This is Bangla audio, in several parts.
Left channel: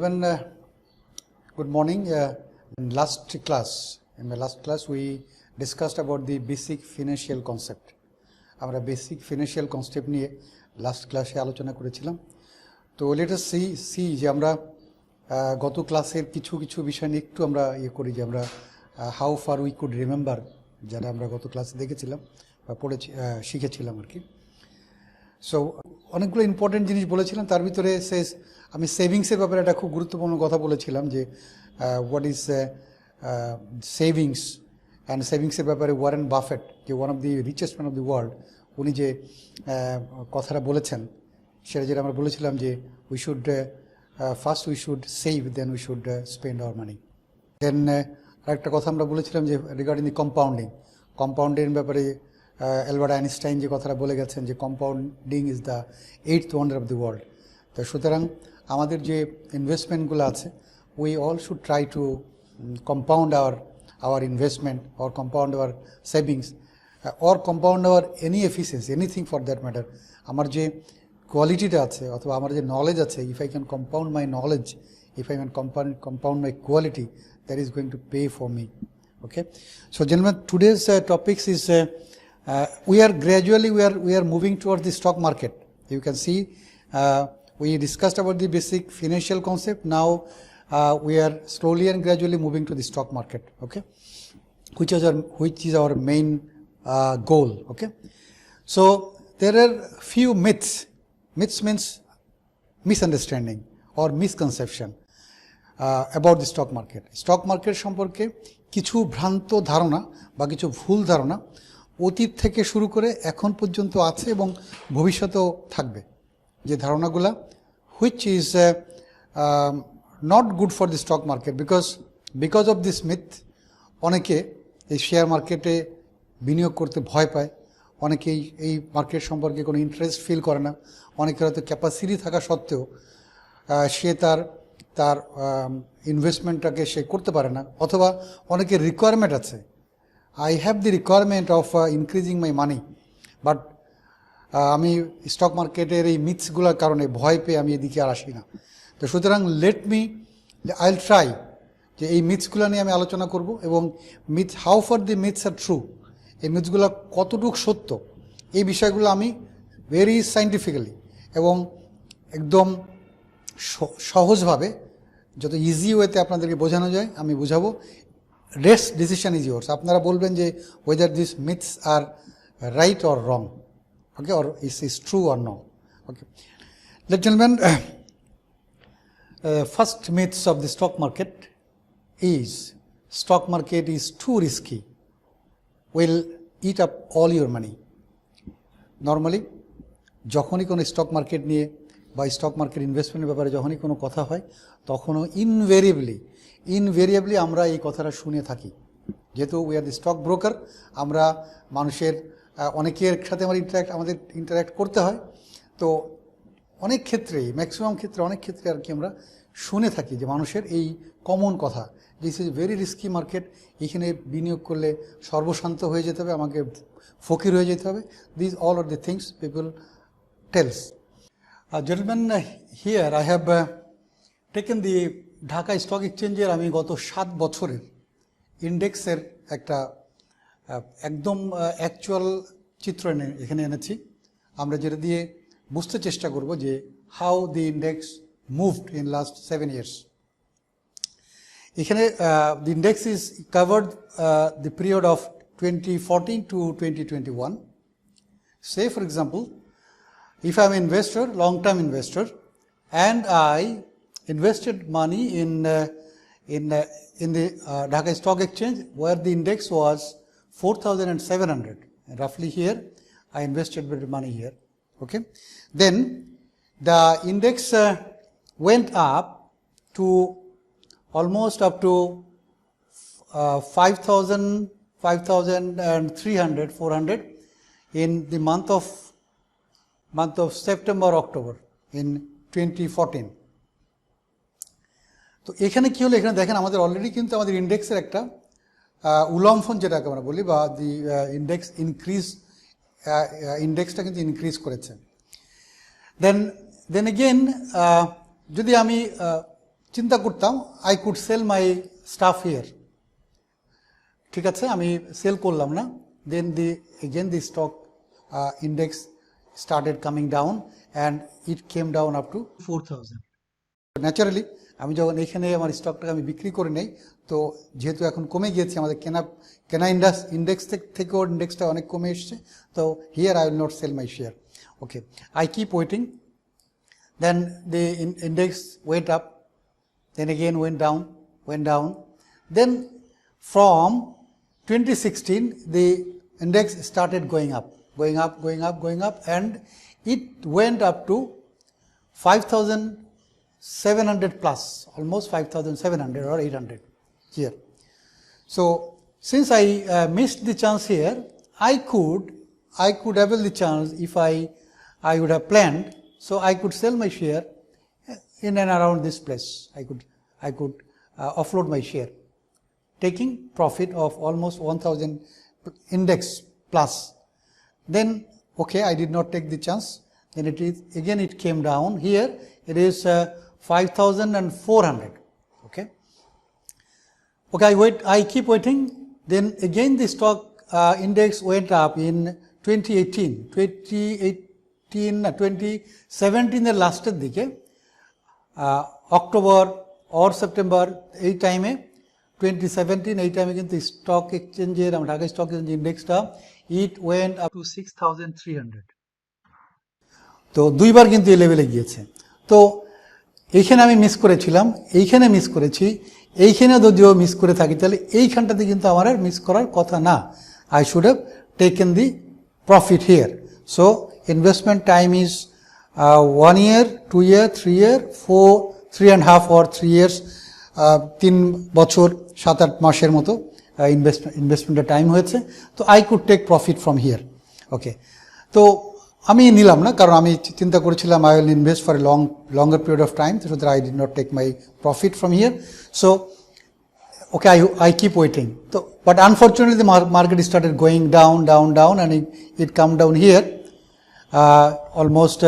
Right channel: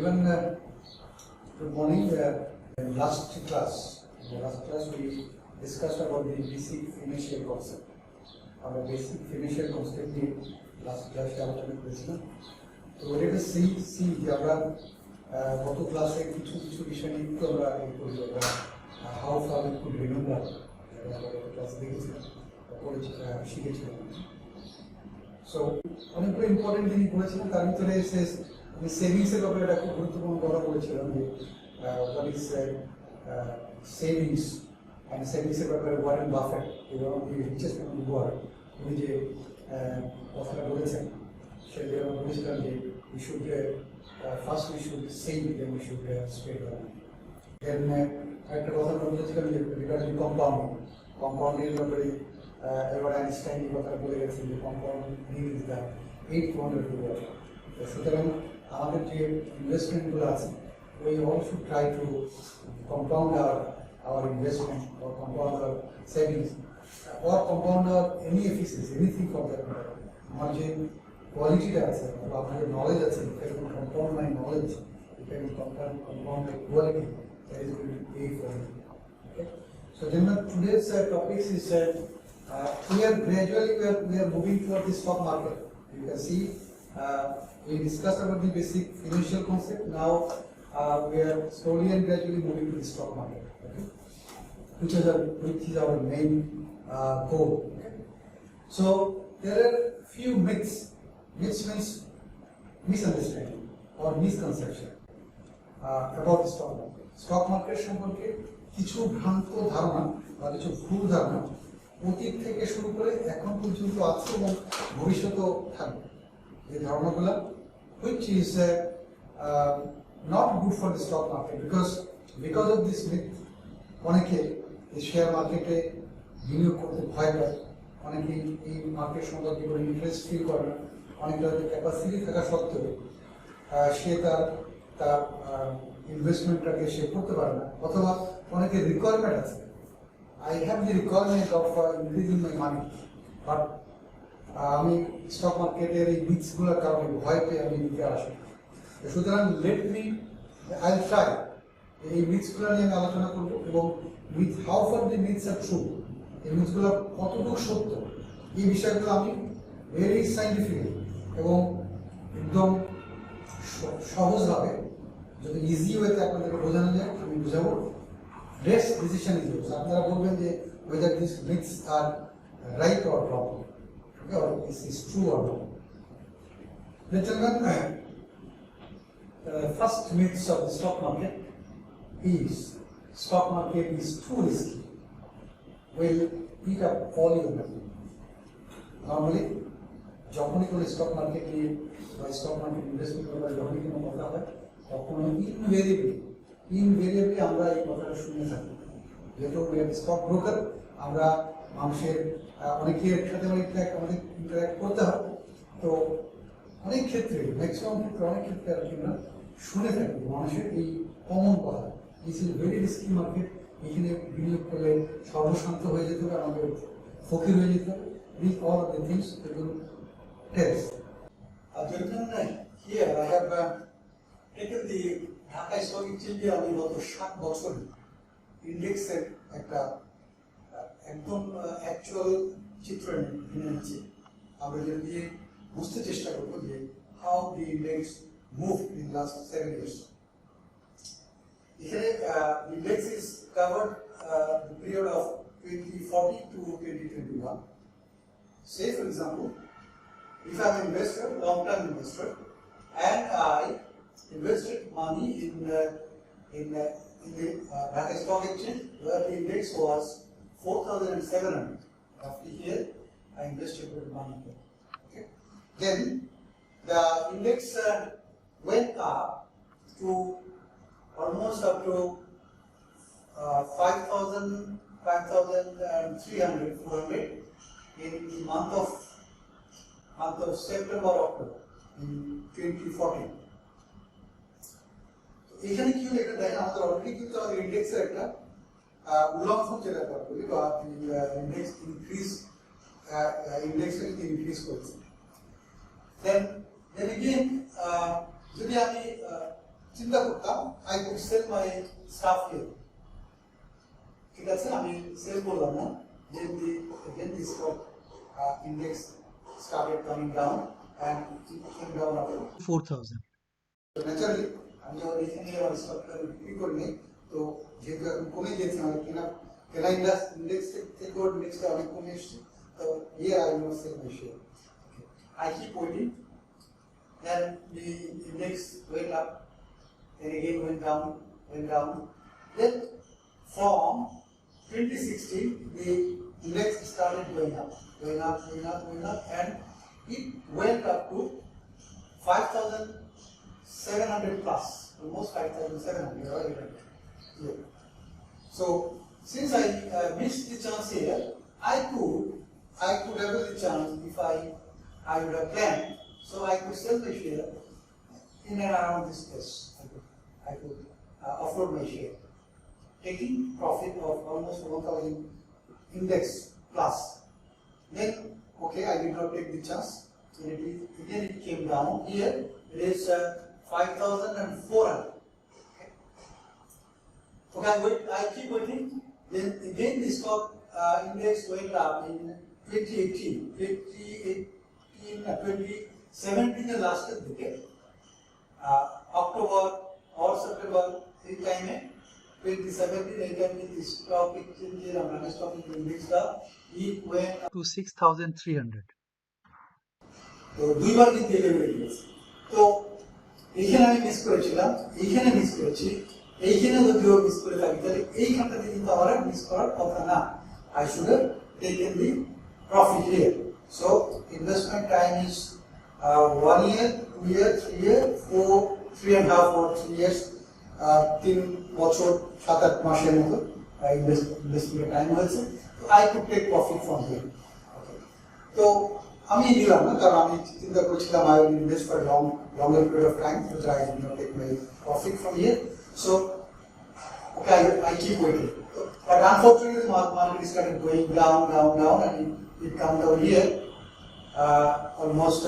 Gentlemen, good morning. In my last class, we discussed about the basic financial concept. আমরা বেসিক ফিনান্সিয়াল কনসেপ্ট নিয়ে লাস্ট ক্লাসে আলোচনা করেছিলাম। তো লেট আস সি যে আমরা গত ক্লাসের কিছু বিষয় নিয়ে একটু আমরা করি যে আমরা how far we could remember, যারা আমরা গত ক্লাসে দেখেছিলাম বা শিখেছিলাম আর কি। সো অনেকগুলো ইম্পর্টেন্ট জিনিস বলেছিলাম, তার ভিতরে আমি সেভিংসের ব্যাপারে একটা খুব গুরুত্বপূর্ণ কথা বলেছিলাম যে হোয়াট ইজ সেভিংস অ্যান্ড সেভিংসের ব্যাপারে ওয়ারেন বাফেট, যে one of the richest man of the world, উনি যে কথাটা বলেছেন সেটা যেটা আমরা বলেছিলাম যে we should first we should save, then we should spend our money. Then আরেকটা কথা আমরা বলেছিলাম যে রিগার্ডিং দি কম্পাউন্ডিং ব্যাপারে অ্যালবার্ট আইনস্টাইন যে কথাটা বলে গেছেন যে compounding is the 8th wonder of the world. তো সুতরাং আমাদের যে ইনভেস্টমেন্টগুলো আছে, we all should try to compound our investment or compound our savings or compound our any efficiency, anything for that matter. আমার যে কোয়ালিটিটা আছে অথবা আমার যে নলেজ আছে, if I can compound my knowledge, if I can compound my quality, that is going to pay for me. Okay, so gentlemen, today's topics is we are moving towards the stock market. You can see we discussed about the basic financial concept. Now we are slowly and gradually moving to the stock market, okay, which is our main goal. Okay, so there are few myths means misunderstanding or misconception about the stock market সম্পর্কে কিছু ভ্রান্ত ধারণা বা কিছু ভুল ধারণা অতীত থেকে শুরু করে এখন পর্যন্ত আছে এবং ভবিষ্যতেও থাকবে, যে ধারণাগুলা which is not good for the stock market because of this myth অনেকে এই শেয়ার মার্কেটে বিনিয়োগ করতে ভয় পায়, অনেকেই এই মার্কেট সম্পর্কে কোনো ইন্টারেস্ট ফিল করে না, অনেকের হয়তো ক্যাপাসিটি থাকা সত্ত্বেও সে তার ইনভেস্টমেন্টটাকে সে করতে পারে না, অথবা অনেকের রিকোয়ারমেন্ট আছে, I have the requirement of increasing my money, but আমি স্টক মার্কেটের এই মিথসগুলোর কারণে ভয় পেয়ে আমি এদিকে আর আসি না। তো সুতরাং আইল ট্রাই যে এই মিথসগুলো নিয়ে আমি আলোচনা করব এবং how far the myths are true, এই মিথসগুলো কতটুকু সত্য, এই বিষয়গুলো আমি ভেরি সাইন্টিফিক্যালি এবং একদম সহজভাবে যত ইজি ওয়েতে আপনাদেরকে বোঝানো যায় আমি বুঝাবো। রেস্ট ডিসিশন ইজ ইয়োর্স, আপনারা বলবেন যে whether this myths are right or wrong, okay, or is true or no. Okay, ladies and gentlemen, first myths of the stock market is too risky, will eat up all your money. Normally যখনই কোনো স্টক মার্কেট নিয়ে বা স্টক মার্কেট ইনভেস্টমেন্টের ব্যাপারে যখনই কোনো কথা হয়, তখনও ইনভেরিয়েবলি আমরা এই কথাটা শুনে থাকি। যেহেতু we are the stock broker, আমরা মানুষের অনেকের সাথে আমাদের ইন্টারাক্ট করতে হয়, তো অনেক ক্ষেত্রেই ম্যাক্সিমাম ক্ষেত্রে অনেক ক্ষেত্রে আর কি আমরা শুনে থাকি যে মানুষের এই কমন কথা, this is very risky market, এখানে বিনিয়োগ করলে সর্বশান্ত হয়ে যেতে হবে, আমাকে ফকির হয়ে যেতে হবে। This all are the things people tells. Gentleman, here I have taken the Dhaka stock এক্সচেঞ্জের আমি গত 7 বছরের ইন্ডেক্সের একটা একদম অ্যাকচুয়াল চিত্র এখানে এনেছি। আমরা যেটা দিয়ে বুঝতে চেষ্টা করব যে how the index moved in last 7 years. এখানে the index is covered the period of 2014 to 2021. Say for example, if I am an investor, long-term investor, and I invested money in the Dhaka Stock Exchange where the index was 4,700, roughly here I invested bit money here, okay, then the index went up to almost up to 5,300 400 in the month of September October in 2014. তো এখানে কী হলো, এখানে দেখেন আমাদের অলরেডি কিন্তু আমাদের ইন্ডেক্সের একটা উল্লম্ফন যেটাকে আমরা বলি, বা দি ইন্ডেক্সটা কিন্তু ইনক্রিজ করেছে। দেন এগেইন যদি আমি চিন্তা করতাম I could sell my stuff here, ঠিক আছে, আমি সেল করলাম না, then the stock index started coming down and it came down up to 4000। Naturally আমি যখন এখানে আমার স্টকটাকে আমি বিক্রি করে নেই, তো যেহেতু এখন কমে গিয়েছে আমাদের কেনা ইন্ডেক্স থেকেও ইন্ডেক্সটা অনেক কমে এসছে, তো here I will not sell my share. Okay, I keep waiting, then the index went up, then again went down, then from 2016 the index started going up, and it went up to 5,700 plus, almost 5,700 or 800 here. So since I missed the chance here, I could avail the chance if I would have planned. So I could sell my share in and around this place. I could offload my share, taking profit of almost 1,000 index plus. Then okay, I did not take the chance. Then it came down. Here it is 5,400. Okay. I keep waiting. Then again the stock index went up in 2017 এর লাস্টের দিকে, অক্টোবর অর সেপ্টেম্বর এই টাইমে, 2017 এই টাইমে কিন্তু স্টক এক্সচেঞ্জের, ঢাকা স্টক এক্সচেঞ্জ ইন্ডেক্সটা ইট ওয়েন্ট আপ টু 6,300। তো দুইবার কিন্তু এই লেভেলে গিয়েছে। তো এইখানে আমি মিস করেছিলাম, এইখানে মিস করেছি, এইখানে যদিও মিস করে থাকি, তাহলে এইখানটাতে কিন্তু আমার আর মিস করার কথা না। I should have taken the profit here. So investment time is 1 year, 2 year, 3 year, 4, 3.5 or 3 years, 3 বছর 7-8 মাসের মতো ইনভেস্টমেন্টের টাইম হয়েছে। তো I could take profit from here. Okay, তো আমি নিলাম না, কারণ আমি চিন্তা করেছিলাম I will invest for a longer period of time, so that I did not take my profit from here. So okay, I keep waiting. So but unfortunately the market started going down, and it come down here, almost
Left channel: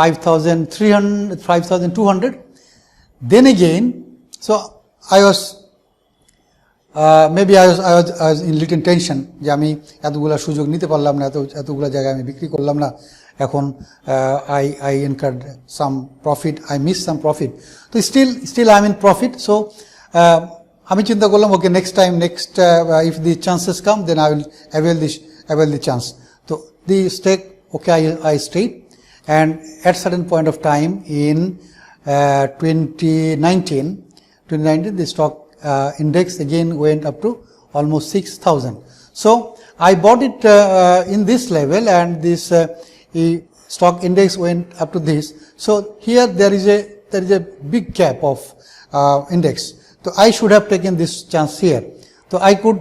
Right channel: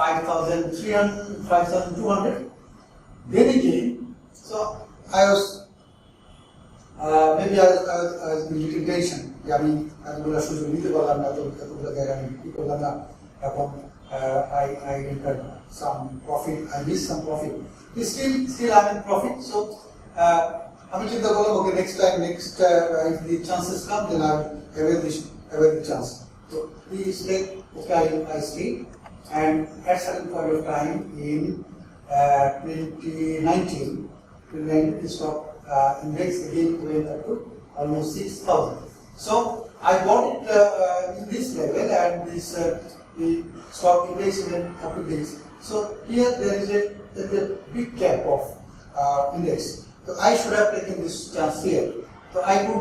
5,300, 5,200. Then again, so I was maybe I was in little tension যে আমি এতগুলো সুযোগ নিতে পারলাম না, এতগুলো জায়গায় আমি বিক্রি করলাম না, এখন I incurred some profit, I missed some profit. So still I'm in profit. So আমি চিন্তা করলাম ওকে next if the chances come, then I will avail the chance. So the stake, okay, I stayed, and at certain point of time in 2019 the stock index again went up to almost 6,000. So I bought it in this level, and this stock index went up to this. So here there is a big gap of index. So I should have taken this chance here. So I could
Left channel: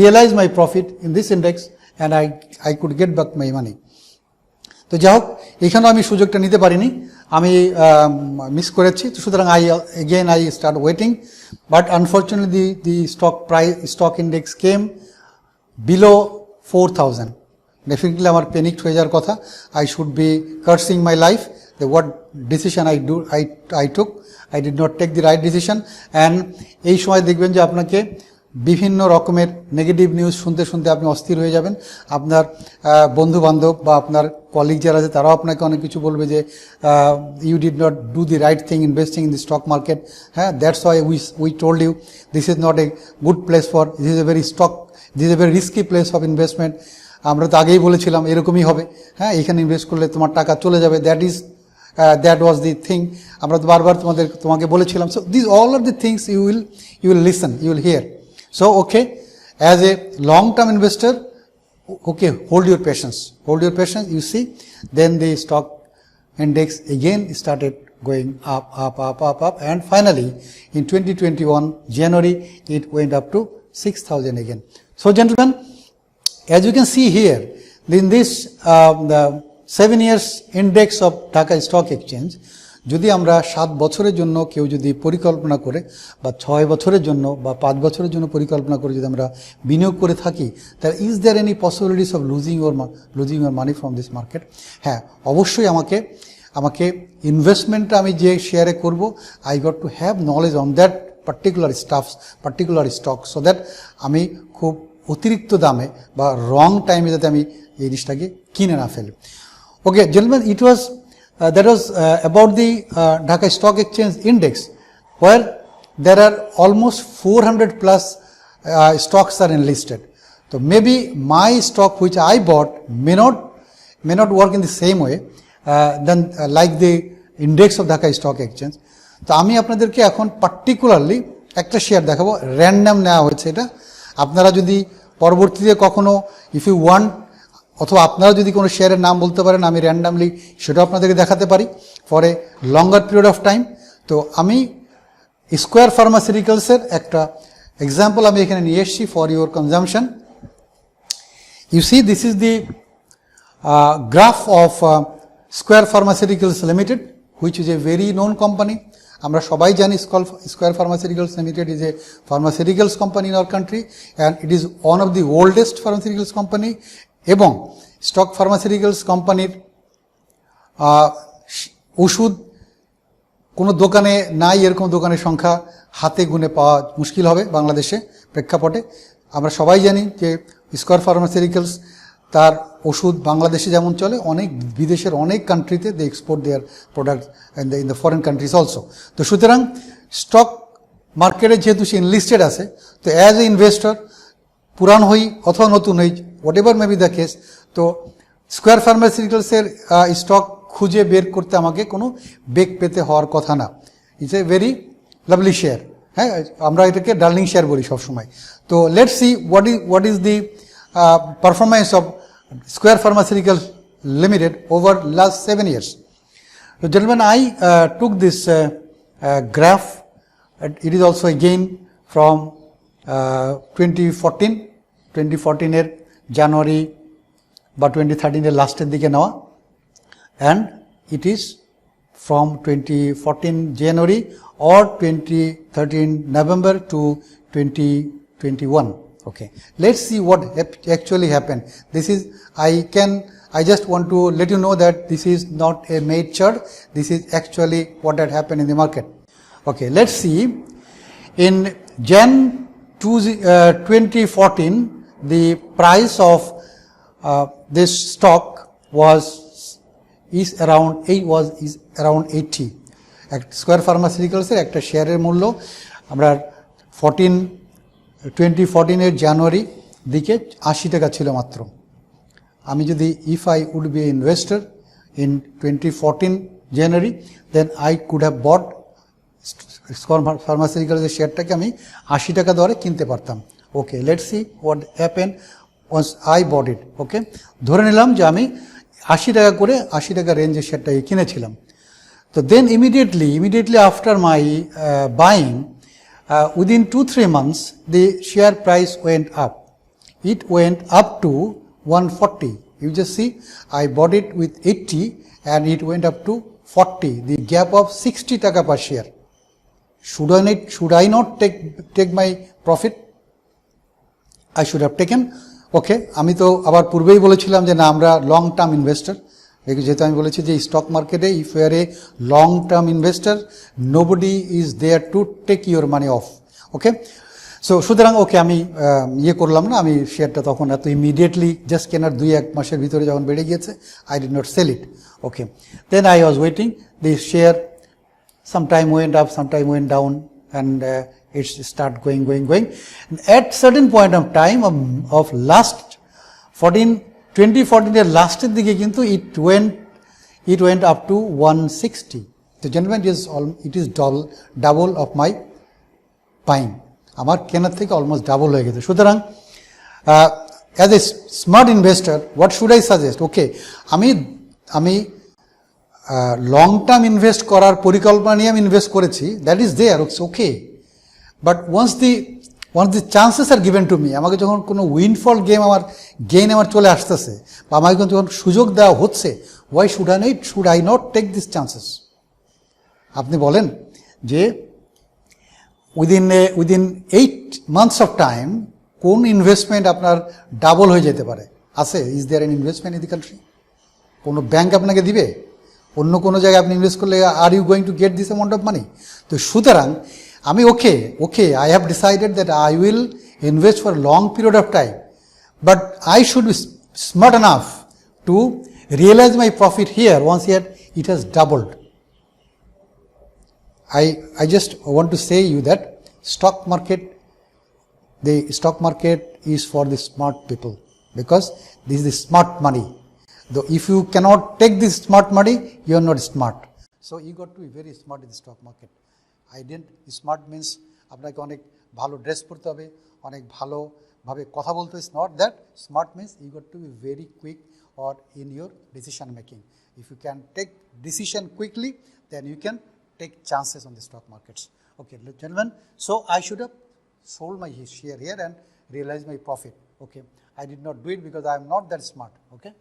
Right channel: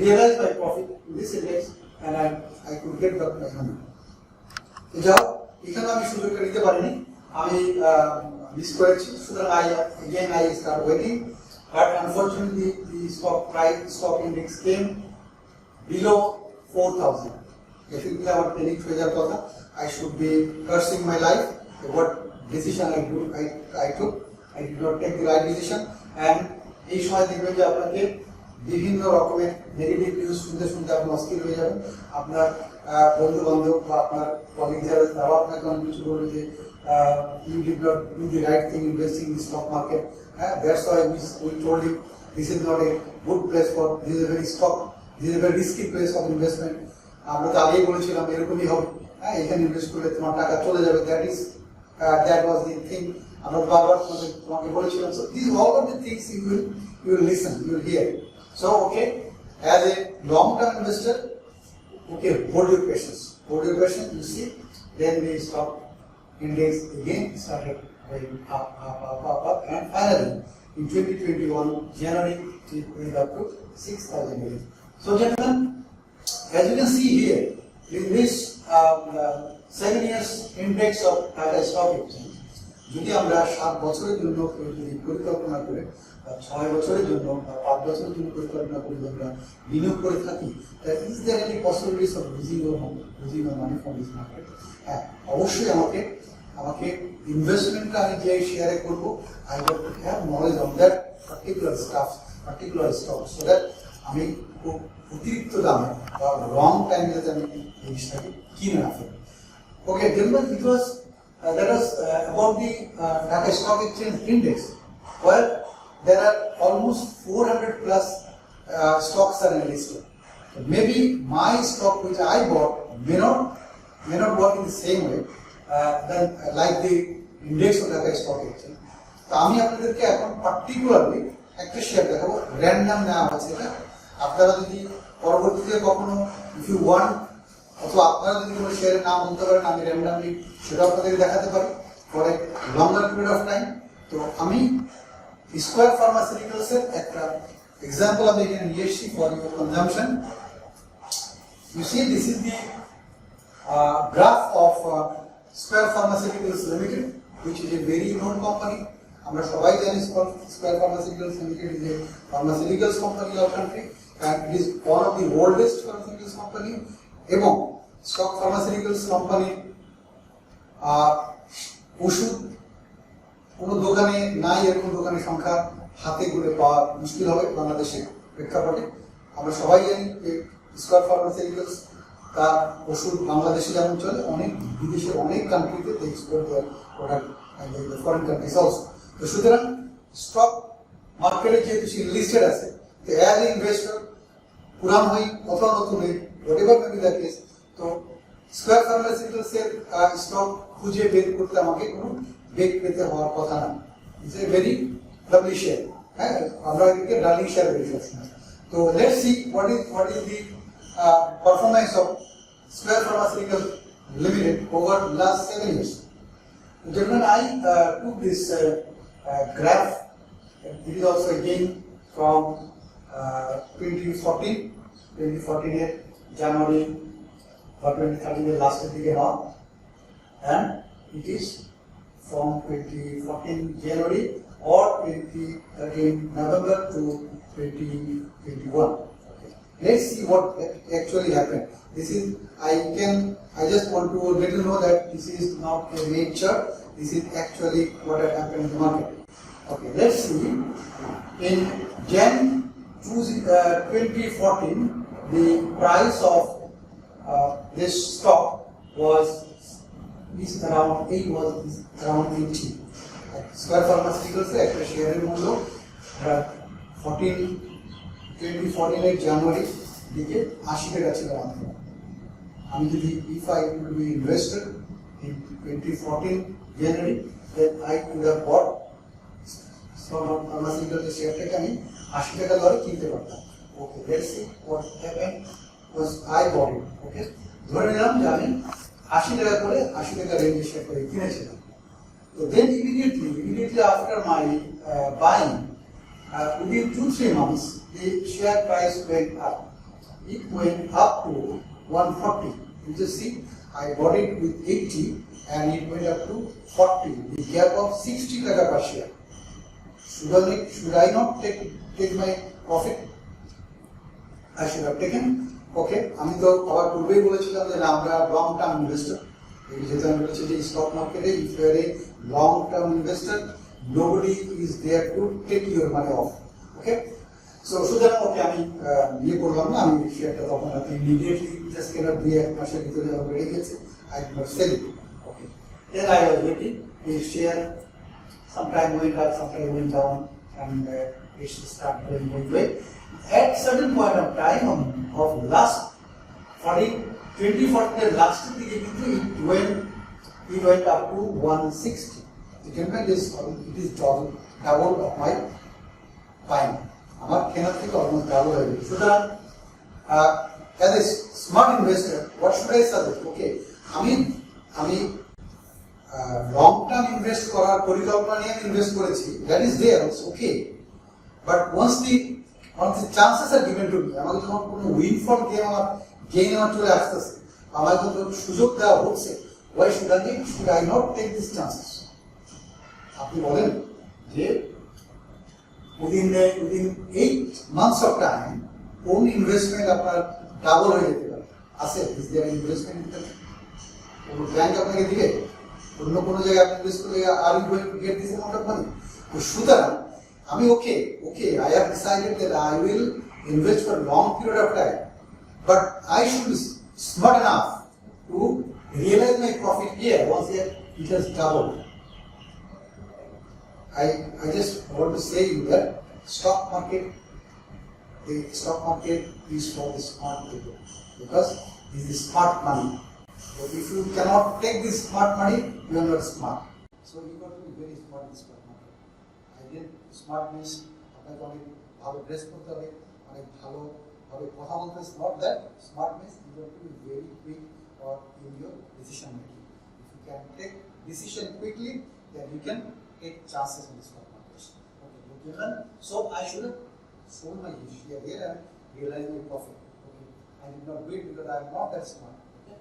realize my profit in this index, and I could get back my money. তো যাই হোক, এখানেও আমি সুযোগটা নিতে পারিনি, আমি মিস করেছি। তো সুতরাং I start waiting, but unfortunately the stock index came below 4,000. Definitely আমার প্যানিকড হয়ে যাওয়ার কথা। I should be cursing my life, the what decision I took. I did not take the right decision. And এই সময় দেখবেন যে আপনাকে বিভিন্ন রকমের নেগেটিভ নিউজ শুনতে শুনতে আপনি অস্থির হয়ে যাবেন। আপনার বন্ধু বান্ধব বা আপনার কলিগ যারা আছে তারাও আপনাকে অনেক কিছু বলবে যে you did not do the right thing investing in the stock market. হ্যাঁ, that's why we told you this is not a good place for, this is a very risky place of investment. আমরা তো আগেই বলেছিলাম এরকমই হবে, হ্যাঁ, এখানে ইনভেস্ট করলে তোমার টাকা চলে যাবে, that was the thing. আমরা তো বারবার তোমাকে বলেছিলাম। So these all are the things you will listen, you will hear. So okay, as a long-term investor, okay, hold your patience, you see. Then the stock index again started going up, and finally in 2021 January it went up to 6,000 again. So gentlemen, as you can see here, in this the 7 years index of Dhaka Stock Exchange, যদি আমরা 7 বছরের জন্য কেউ যদি পরিকল্পনা করে, বা 6 বছরের জন্য বা 5 বছরের জন্য পরিকল্পনা করে যদি আমরা বিনিয়োগ করে থাকি, তাহলে is there any possibilities of losing your money from this market? হ্যাঁ, অবশ্যই আমাকে আমাকে ইনভেস্টমেন্টটা আমি যে শেয়ারে করব, I got to have knowledge on that particular stock, so that আমি খুব অতিরিক্ত দামে বা রং টাইমে যাতে আমি এই জিনিসটাকে কিনে না ফেলি। Okay gentleman, it was that was about the Dhaka Stock Exchange Index, where there are almost 400 plus stocks are enlisted. So maybe my stock which I bought may not work in the same way than like the index of Dhaka Stock Exchange. তো আমি আপনাদেরকে এখন পার্টিকুলারলি একটা শেয়ার দেখাবো, র্যান্ডাম নেওয়া হয়েছে এটা। আপনারা যদি পরবর্তীতে কখনো ইফ ইউ ওয়ান্ট, অথবা আপনারা যদি কোনো শেয়ারের নাম বলতে পারেন, আমি র্যান্ডামলি সেটাও আপনাদেরকে দেখাতে পারি for a longer period of time. তো আমি স্কোয়ার ফার্মাসিউটিক্যালসের একটা এক্সাম্পল আমি এখানে নিয়ে এসেছি for your consumption. You see this is the graph of square pharmaceuticals Limited, which is a very known company. আমরা সবাই জানি Square pharmaceuticals Limited is a pharmaceuticals company in our country, and it is one of the oldest pharmaceuticals company. এবং স্টক ফার্মাসিউটিক্যালস কোম্পানির ওষুধ কোনো দোকানে নাই, এরকম দোকানের সংখ্যা হাতে গুনে পাওয়া মুশকিল হবে বাংলাদেশে প্রেক্ষাপটে। আমরা সবাই জানি যে স্কোয়ার ফার্মাসিউটিক্যালস তার ওষুধ বাংলাদেশে যেমন চলে, অনেক বিদেশের অনেক কান্ট্রিতে they export their product in the foreign countries also. তো সুতরাং স্টক মার্কেটে যেহেতু সে ইনলিস্টেড আছে, তো অ্যাজ এ ইনভেস্টর, পুরান হই অথবা নতুন হই, what ever may be the case, তো স্কোয়ার ফার্মাসিউটিক্যালসের স্টক খুঁজে বের করতে আমাকে কোনো বেগ পেতে হওয়ার কথা না। It's a very lovely share, হ্যাঁ, আমরা এটাকে ডার্লিং শেয়ার বলি সবসময়। তো let's see what is the performance of square pharmaceuticals limited over last 7 years. So gentlemen, I took this graph. It is also again from 2014 এর জানুয়ারি বা 2013 এর লাস্টের দিকে নেওয়া, and it is from 2014 January or 2013 November to 2021. Okay, let's see what actually happened. This is, I just want to let you know that this is not a made chart. This is actually what had happened in the market. Okay, let's see. In Jan 2014, the price of this stock is around 80. Square ফার্মাসিউটিক্যালসের একটা শেয়ারের মূল্য আমরা 2014 জানুয়ারি দিকে 80 টাকা ছিল মাত্র। আমি যদি if I would be investor in 2014 January, then I could have bought Square ফার্মাসিউটিক্যালসের শেয়ারটাকে আমি 80 টাকা দরে কিনতে পারতাম। Okay, let's see what happen once I bought it. Okay, ধরে নিলাম যে আমি 80 টাকা করে 80 টাকা রেঞ্জের শেয়ারটাকে কিনেছিলাম। So then immediately after my buying, within 2-3 months, the share price went up. It went up to 140. You just see, I bought it with 80 and it went up to 40. The gap of 60 taka per share. Should I not take my profit? I should have taken. Okay, আমি তো আবার পূর্বেই বলেছিলাম যে না, আমরা লং টার্ম ইনভেস্টর। যেহেতু আমি বলেছি যে স্টক মার্কেটে if you are a long term investor, nobody is there to take your money off. Okay, so সুতরাং ওকে আমি করলাম না, আমি শেয়ারটা তখন এত ইমিডিয়েটলি জাস্ট কেনার 2-1 মাসের ভিতরে যখন বেড়ে গিয়েছে, I did not sell it. Okay, then I was waiting the share, sometime went up, sometime went down, and it's start going. At certain point of time of last 2014 এর লাস্টের দিকে কিন্তু it went up to 160. তো gentlemen, it is double of my buying. আমার কেনার থেকে অলমোস্ট ডাবল হয়ে গেছে। সুতরাং as a smart investor, what should I suggest? Okay, আমি লং টার্ম ইনভেস্ট করার পরিকল্পনা নিয়ে আমি ইনভেস্ট করেছি, that is there, it's okay. But once the chances are given to me, আমাকে যখন কোনো উইনফল গেইন আমার চলে আসতেছে, বা আমাকে যখন সুযোগ দেওয়া হচ্ছে, why should I not take this chances? আপনি বলেন যে উইদিন 8 months অফ টাইম কোন ইনভেস্টমেন্ট আপনার ডাবল হয়ে যেতে পারে? আছে? Is there an investment in the country? কোনো ব্যাংক আপনাকে দিবে? অন্য কোনো জায়গায় আপনি ইনভেস্ট করলে are you going to get this amount of money? তো সুতরাং আমি okay I have decided that I will invest for long period of time, but I should be smart enough to realize my profit here once here it has doubled. I just want to say you that the stock market is for the smart people, because this is the smart money. Though if you cannot take this smart money, you are not smart. So you got to be very smart in the stock market. Smart means আপনাকে অনেক ভালো ড্রেস পরতে হবে, অনেক ভালোভাবে কথা বলতে হবে. Not that. Smart means you got to be very quick or in your decision making. If you can take decision quickly, then you can take chances on the stock markets. Okay, gentlemen, so I should have sold my share here and realized my profit. Okay, I did not do it because I am not that smart. Okay,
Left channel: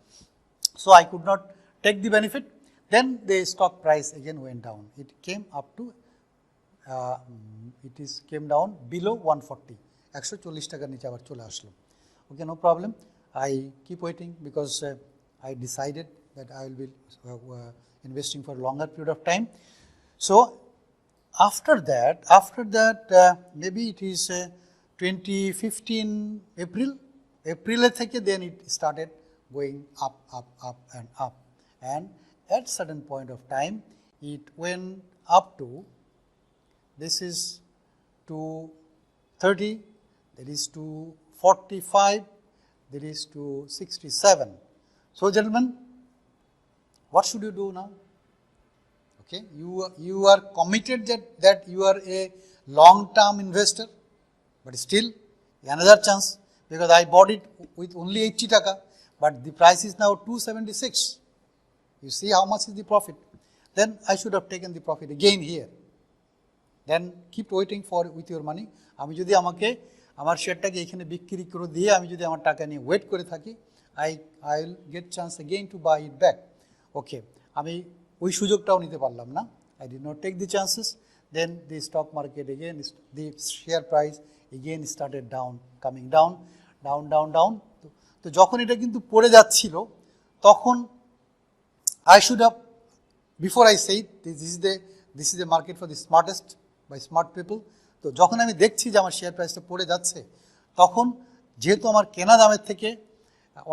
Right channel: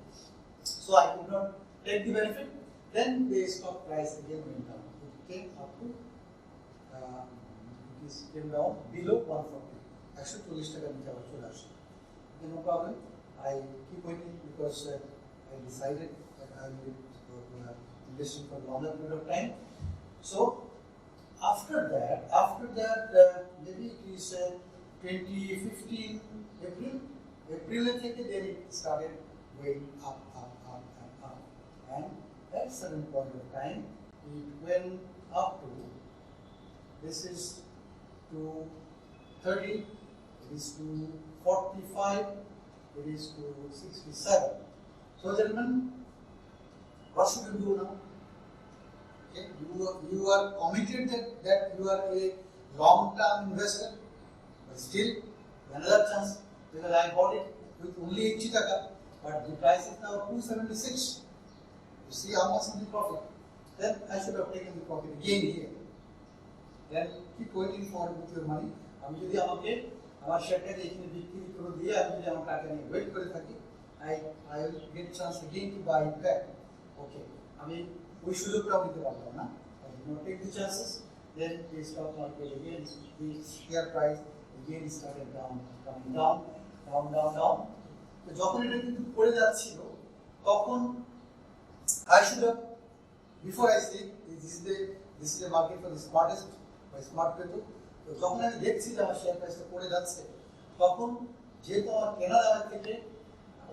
so I could not take the benefit. Then the stock price again went down. It came up to came down below 140. 140 টাকার নিচে আবার চলে আসলো. Okay, no problem. I keep waiting because I decided that I will be investing for a longer period of time. So after that maybe it is 2015 April থেকে then it started going up and up, and at certain point of time it went up to, this is to 30, it is to 45, there is to 67. So gentlemen, what should you do now? Okay, you are committed that you are a long-term investor, but still another chance, because I bought it with only 80 taka, but the price is now 276. You see how much is the profit? Then I should have taken the profit again here. Then keep waiting for with your money. আমি যদি আমার শেয়ারটাকে এখানে বিক্রি করে দিয়ে আমি যদি আমার টাকা নিয়ে ওয়েট করে থাকি, I will get chance again to buy it back. Okay, আমি ওই সুযোগটাও নিতে পারলাম না. I did not take the chances. Then the stock market again, the share price again started coming down. তো যখন এটা কিন্তু পড়ে যাচ্ছিল, তখন I should have, before I say it, this is the market for the smartest by smart people. তো যখন আমি দেখছি যে আমার শেয়ার প্রাইসটা পড়ে যাচ্ছে, তখন যেহেতু আমার কেনা দামের থেকে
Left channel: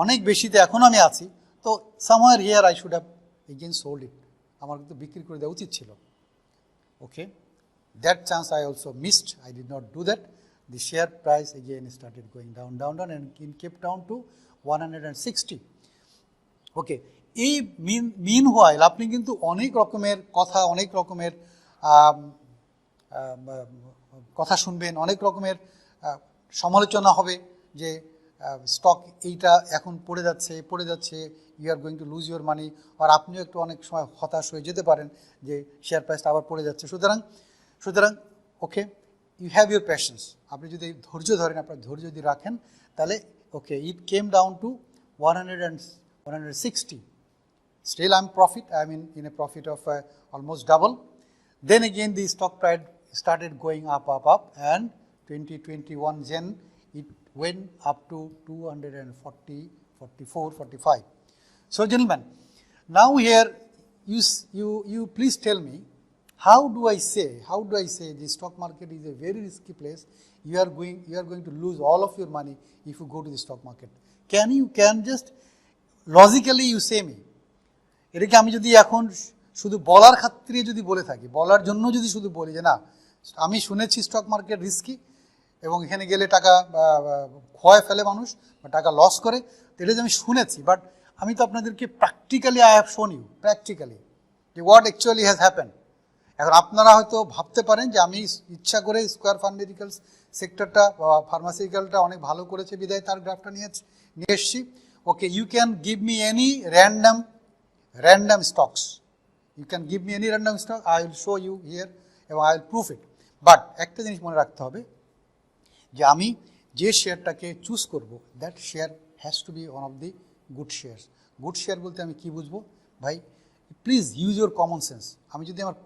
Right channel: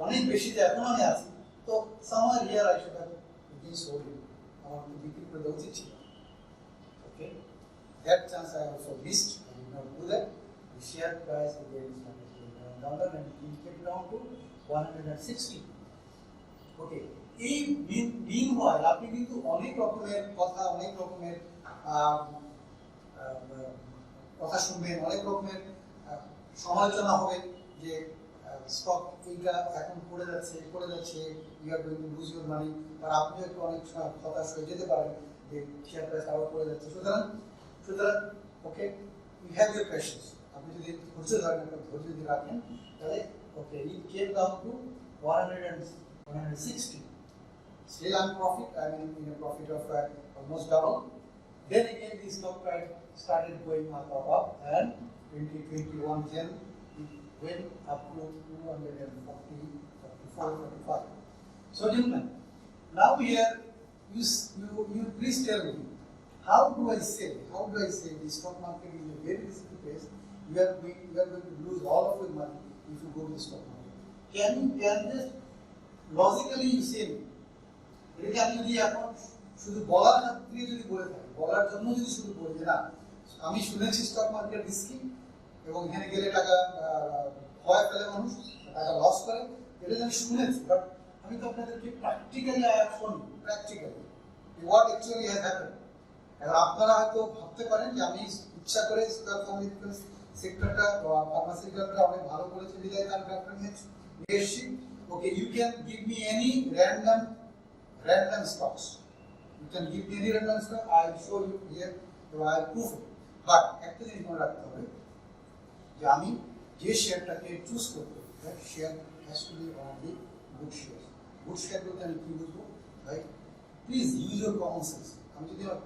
অনেক বেশিতে এখন আমি আছি, তো somewhere here I should have again sold it. আমার তো বিক্রি করে দেওয়া উচিত ছিল. ওকে, that chance I also missed. I did not do that. The share price again started going down and it came down to 160. Okay, এই meanwhile আপনি কিন্তু অনেক রকমের কথা শুনবেন, অনেক রকমের সমালোচনা হবে যে স্টক এইটা এখন পড়ে যাচ্ছে, you are going to lose your money, আর আপনিও একটু অনেক সময় হতাশ হয়ে যেতে পারেন যে শেয়ার প্রাইসটা আবার পড়ে যাচ্ছে. সুতরাং okay, you have your patience. আপনি যদি ধৈর্য ধরেন, আপনার ধৈর্য যদি রাখেন, তাহলে okay, it came down to 160. Still I'm in a profit of almost double. Then again the stock price started going up, and 2021 Jan it went up to 240, 44, 45. So gentlemen, now here you please tell me, how do I say the stock market is a very risky place? You are going to lose all of your money if you go to the stock market. Can just logically you say me, এটাকে আমি যদি এখন শুধু বলার খাতিরে যদি বলে থাকি, বলার জন্য যদি শুধু বলি যে না, আমি শুনেছি স্টক মার্কেট রিস্কি এবং এখানে গেলে টাকা ক্ষয় ফেলে মানুষ, টাকা লস করে, এটা যে আমি শুনেছি, বাট আমি তো আপনাদেরকে practically I have shown you practically what actually has happen. এখন আপনারা হয়তো ভাবতে পারেন যে আমি ইচ্ছা করে স্কোয়ার ফার্মাসিউটিক্যালস সেক্টরটা, ফার্মাসিউটিক্যালটা অনেক ভালো করেছে বিদায় তার গ্রাফটা নিয়ে এসছি. Okay, you can give me any random stocks. You can give me any random stock, I will show you here এবং I will prove it. But একটা জিনিস মনে রাখতে হবে যে আমি যে শেয়ারটাকে চুজ করব, that share has to be one of the good share. Good share বলতে আমি কী বুঝবো ভাই? Please use your common sense. আমি যদি আমার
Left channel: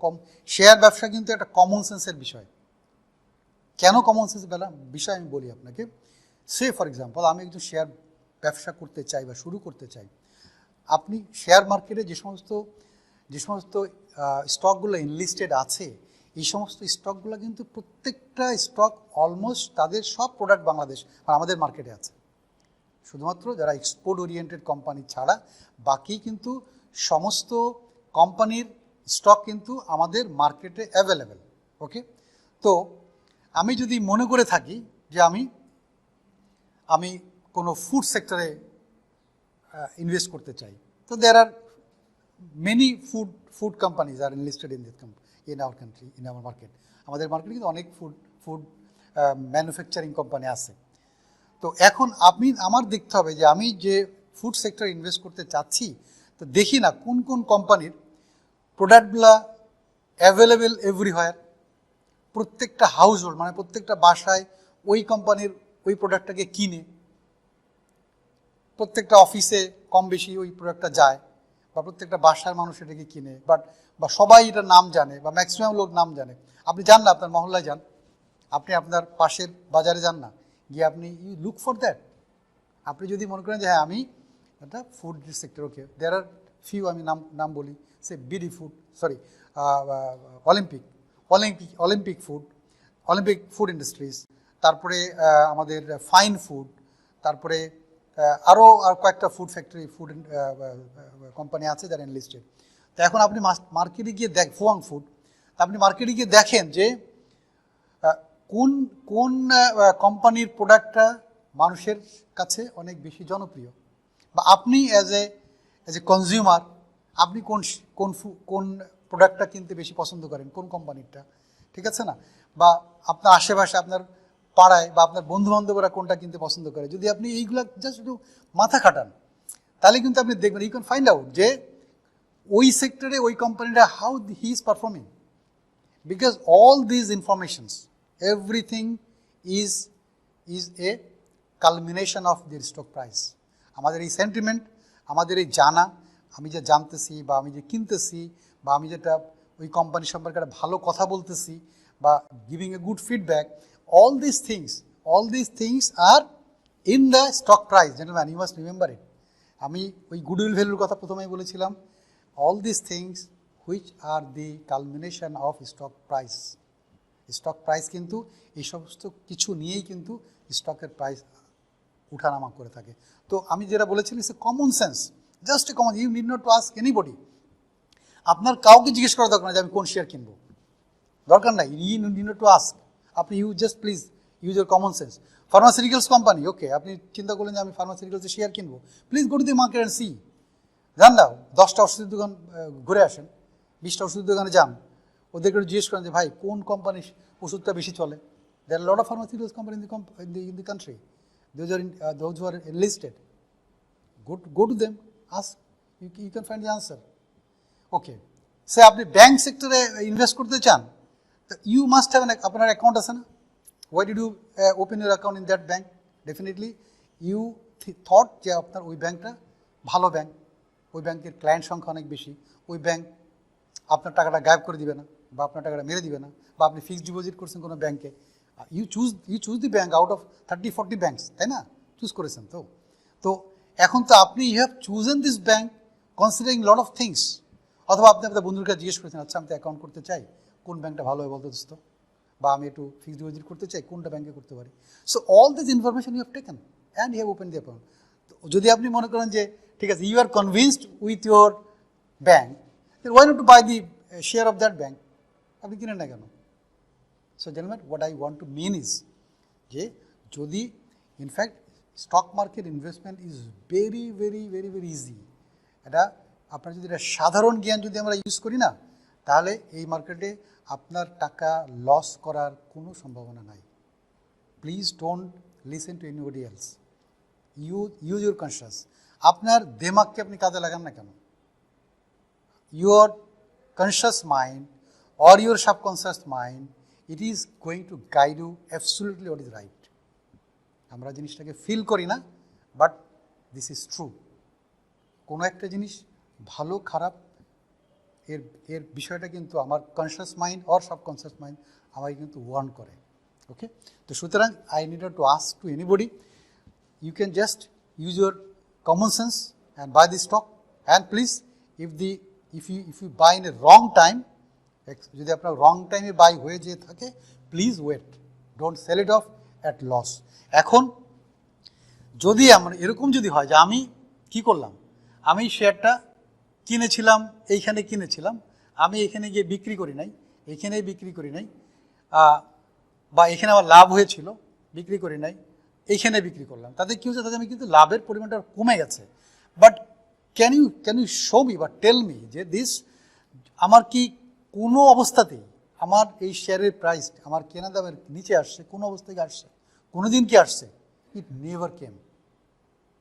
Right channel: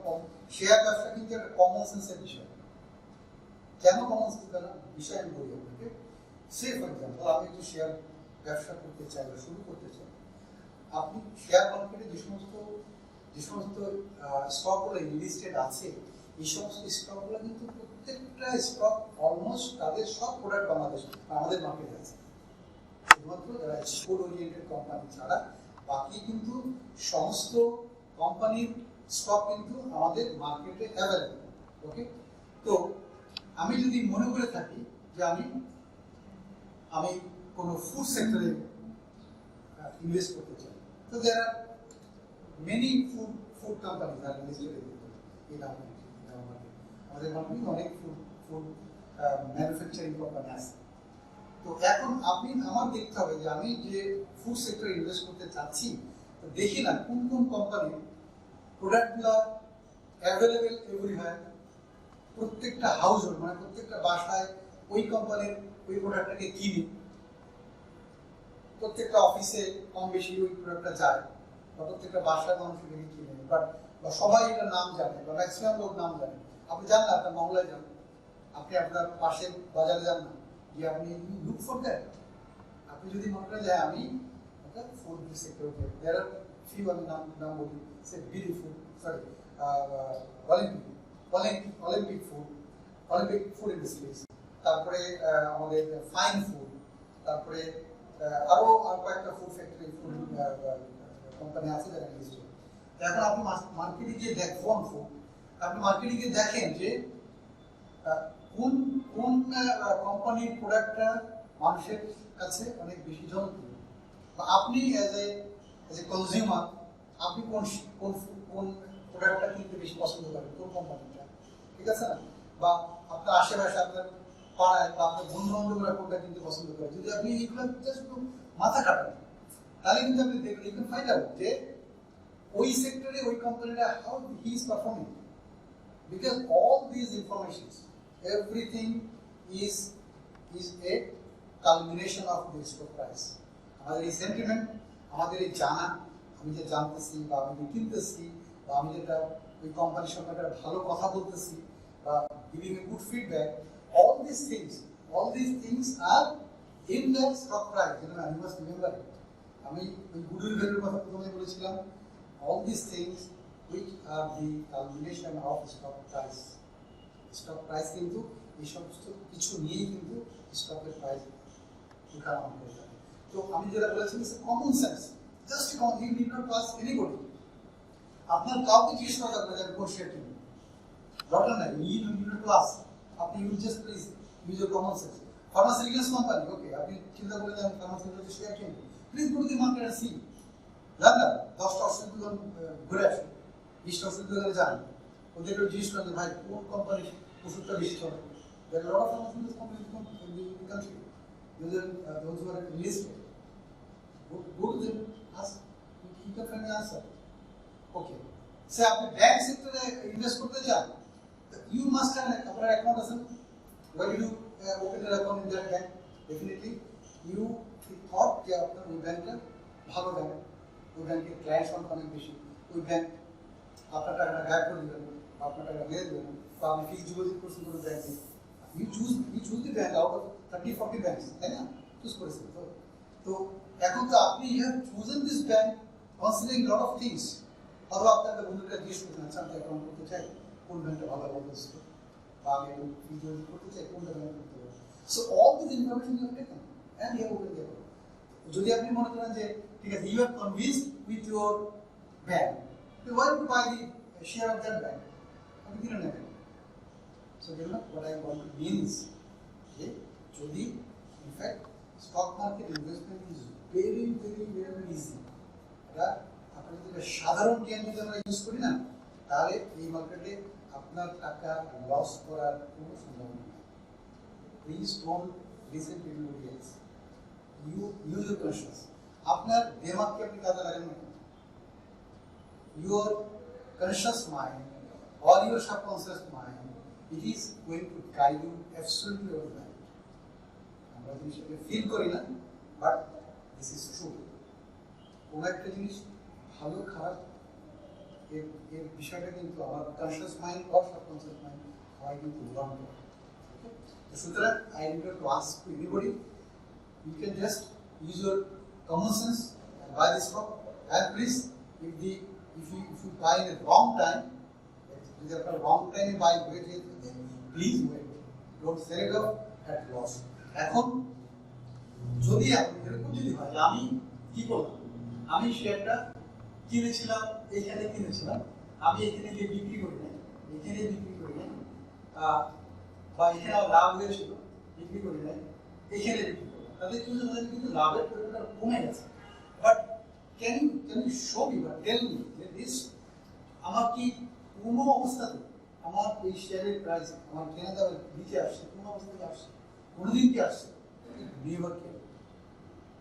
শেয়ার ব্যবসা কিন্তু একটা কমন সেন্সের বিষয়. কেন কমন সেন্স বিষয় আমি বলি আপনাকে. সে ফর এক্সাম্পল, আমি একটু শেয়ার ব্যবসা করতে চাই বা শুরু করতে চাই. আপনি শেয়ার মার্কেটে যে সমস্ত যে সমস্ত স্টকগুলো ইনলিস্টেড আছে, এই সমস্ত স্টকগুলো কিন্তু প্রত্যেকটা স্টক অলমোস্ট তাদের সব প্রোডাক্ট বাংলাদেশ আর আমাদের মার্কেটে আছে। শুধুমাত্র যারা এক্সপোর্ট ওরিয়েন্টেড কোম্পানি ছাড়া বাকি কিন্তু সমস্ত কোম্পানির স্টক কিন্তু আমাদের মার্কেটে অ্যাভেলেবেল। ওকে, তো আমি যদি মনে করে থাকি যে আমি কোনো ফুড সেক্টরে ইনভেস্ট করতে চাই, তো there are many food companies are enlisted in our country, in our market. আমাদের মার্কেটে কিন্তু অনেক ফুড ম্যানুফ্যাকচারিং কোম্পানি আছে। তো এখন আমার দেখতে হবে যে আমি যে ফুড সেক্টরে ইনভেস্ট করতে চাচ্ছি, তো দেখি না কোন কোন কোম্পানির প্রোডাক্টগুলা অ্যাভেলেবেল এভরিহোয়ার, প্রত্যেকটা হাউস হোল্ড মানে প্রত্যেকটা বাসায় ওই কোম্পানির ওই প্রোডাক্টটাকে কিনে, প্রত্যেকটা অফিসে কম বেশি ওই প্রোডাক্টটা যায়, বা প্রত্যেকটা বাসায় মানুষ এটাকে কিনে, বা সবাই এটার নাম জানে, বা ম্যাক্সিমাম লোক নাম জানে। আপনি যান না, আপনার মহল্লায় যান, আপনি আপনার পাশের বাজারে যান না, গিয়ে আপনি লুক ফর দ্যাট। আপনি যদি মনে করেন যে হ্যাঁ আমি একটা food sector, okay, there are few, আমি নাম বলি, say BD food, sorry Olympic food industries, তারপরে আমাদের ফাইন ফুড, তারপরে আরও কয়েকটা ফুড কোম্পানি আছে যারা এনলিস্টেড। তো এখন আপনি মার্কেটে গিয়ে ফোয়াং ফুড, আপনি মার্কেটে গিয়ে দেখেন যে কোন কোন কোম্পানির প্রোডাক্টটা মানুষের কাছে অনেক বেশি জনপ্রিয়, বা আপনি অ্যাজ এ কনজিউমার আপনি কোন প্রোডাক্টটা কিনতে বেশি পছন্দ করেন, কোন কোম্পানিটা, ঠিক আছে না? বা আপনার আশেপাশে আপনার পাড়ায় বা আপনার বন্ধুবান্ধবরা কোনটা কিনতে পছন্দ করে, যদি আপনি এইগুলো জাস্ট একটু মাথা খাটান, তাহলে কিন্তু আপনি দেখবেন, ইউ ক্যান ফাইন্ড আউট যে ওই সেক্টরে ওই কোম্পানিটা how he is performing, because all these informations, everything is a culmination of the stock price. আমাদের এই সেন্টিমেন্ট, আমাদের এই জানা, আমি যে জানতেছি বা আমি যে কিনতেছি, বা আমি যেটা ওই কোম্পানি সম্পর্কে একটা ভালো কথা বলতেছি, বা giving a good feedback, all these things are in the stock price, gentlemen, you must remember it. আমি ওই গুডউইল ভ্যালুর কথা প্রথমেই বলেছিলাম, all these things which are the culmination of stock price. Stock price কিন্তু এই সমস্ত কিছু নিয়েই কিন্তু স্টকের প্রাইস উঠানামা করে থাকে। তো আমি যেটা বলেছিলাম, it's a common sense, just a common, you need not to ask anybody. আপনার কাউকে জিজ্ঞেস করা দরকার না যে আমি কোন শেয়ার কিনবো, দরকার নাই, you need not to ask. আপনি just please use your common sense. Pharmaceuticals company, okay, আপনি চিন্তা করলেন যে আমি ফার্মাসিউটিক্যালসের শেয়ার কিনবো, please go to the market and see. যান না, 10টা ওষুধের দোকান ঘুরে আসুন, 20টা ওষুধের দোকানে যান, ওদেরকে জিজ্ঞেস করেন যে ভাই কোন কোম্পানির ওষুধটা বেশি চলে। There are lot of pharmaceuticals company in the country, those who are enlisted. Go to them, ask, you can find the answer. Okay, say আপনি ব্যাংক সেক্টরে ইনভেস্ট করতে চান, তো ইউ মাস্ট হ্যাভ আপনার অ্যাকাউন্ট আছে না? Why did you open your account in that bank? Definitely you thought যে আপনার ওই ব্যাংকটা ভালো ব্যাংক, ওই ব্যাংকের ক্লায়েন্ট সংখ্যা অনেক বেশি, ওই ব্যাংক আপনার টাকাটা গায়েব করে দিবে না, বা আপনার টাকাটা মেরে দিবে না, বা আপনি ফিক্সড ডিপোজিট করছেন কোনো ব্যাংকে, you choose the bank out of 30-40 banks, তাই না? চুজ করেছেন তো এখন তো আপনি you have chosen this bank considering lot of things. অথবা আপনি আপনার বন্ধুর কাছে জিজ্ঞেস করেছেন, আচ্ছা আমি তো অ্যাকাউন্ট করতে চাই, কোন ব্যাংকটা ভালো হয় বলতো, বা আমি একটু ফিক্সড ডিপোজিট করতে চাই, কোনটা ব্যাংকে করতে পারি। So all this information you have taken and you have open the account. যদি আপনি মনে করেন যে ঠিক আছে, you are convinced with your bank, then why not to buy the share of that bank, আপনি কিনেন না কেন? So gentleman, what I want to mean is যে যদি in fact stock market investment is very very very very easy. এটা আপনার যদি এটা সাধারণ জ্ঞান যদি আমরা ইউজ করি না, তাহলে এই মার্কেটে আপনার টাকা লস করার কোনো সম্ভাবনা নাই। Please don't listen to anybody else, use your conscious. আপনার দেমাগকে আপনি কাজে লাগান না কেন? Your conscious mind or your subconscious mind, it is going to guide you absolutely what is right. আমরা জিনিসটাকে ফিল করি না, বাট দিস ইজ ট্রু। কোনো একটা জিনিস ভালো খারাপ এর বিষয়টা কিন্তু আমার conscious mind or subconscious mind আমাকে কিন্তু ওয়ার্ন করে। ওকে, তো সুতরাং I need to ask two anybody, you can just use your common sense and buy the stock, and please, if the if you buy in a wrong time, যদি আপনার রং টাইমে বাই হয়ে যেয়ে থাকে, please wait, don't sell it off at loss. এখন যদি এরকম যদি হয় যে আমি কি করলাম, আমি শেয়ারটা কিনেছিলাম, এইখানে কিনেছিলাম, আমি এখানে গিয়ে বিক্রি করি নাই, এখানে বিক্রি করি নাই, বা এখানে আমার লাভ হয়েছিল, বিক্রি করি নাই, এইখানে বিক্রি করলাম, তাদের কি হচ্ছে, তাদের কিন্তু লাভের পরিমাণটা কমে গেছে। But can you show me বা টেল মি যে দিস আমার কি কোনো অবস্থাতেই আমার এই শেয়ারের প্রাইস আমার কেনা দামের নিচে আসছে, কোনো অবস্থা থেকে আসছে, কোনো দিন কি আসছে? It never came.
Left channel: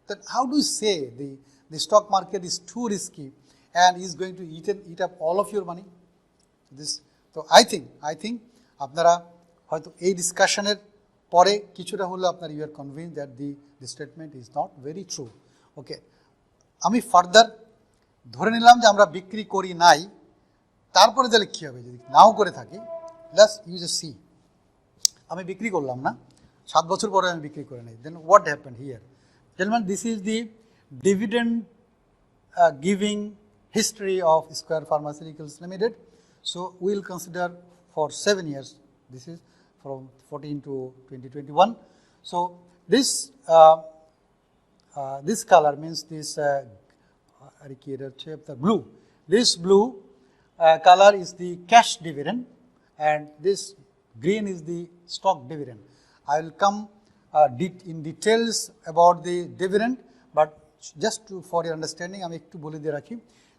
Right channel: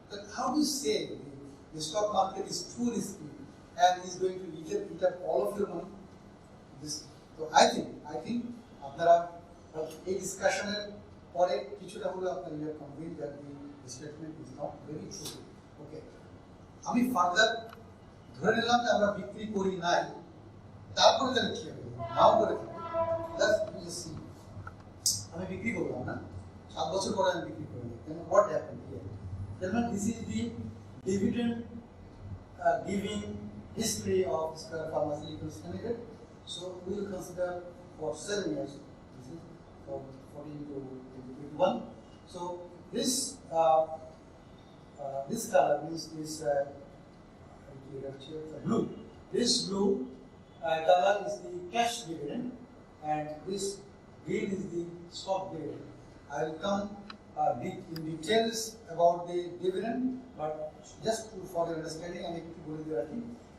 Then how do you say the stock market is too risky and is going to eat up all of your money? So I think আপনারা হয়তো এই ডিসকাশনের পরে কিছুটা হলো আপনার you are convince that the statement is not very true. Okay, আমি ফার্দার ধরে নিলাম যে আমরা বিক্রি করি নাই, তারপরে তাহলে কী হবে যদি নাও করে থাকি? জাস্ট ইউ জাস্ট সি, আমি বিক্রি করলাম না, 7 বছর পরে আমি বিক্রি করে নিই, then what happen here? Gentlemen, this is the dividend giving history of Square Pharmaceuticals Limited. So we will consider for 7 years. This is from 14 to 2021. So this this color means this blue. This blue color is the cash dividend, and this green is the stock dividend. I will come in details about the dividend, but just for your understanding আমি একটু বলে দিয়ে রাখি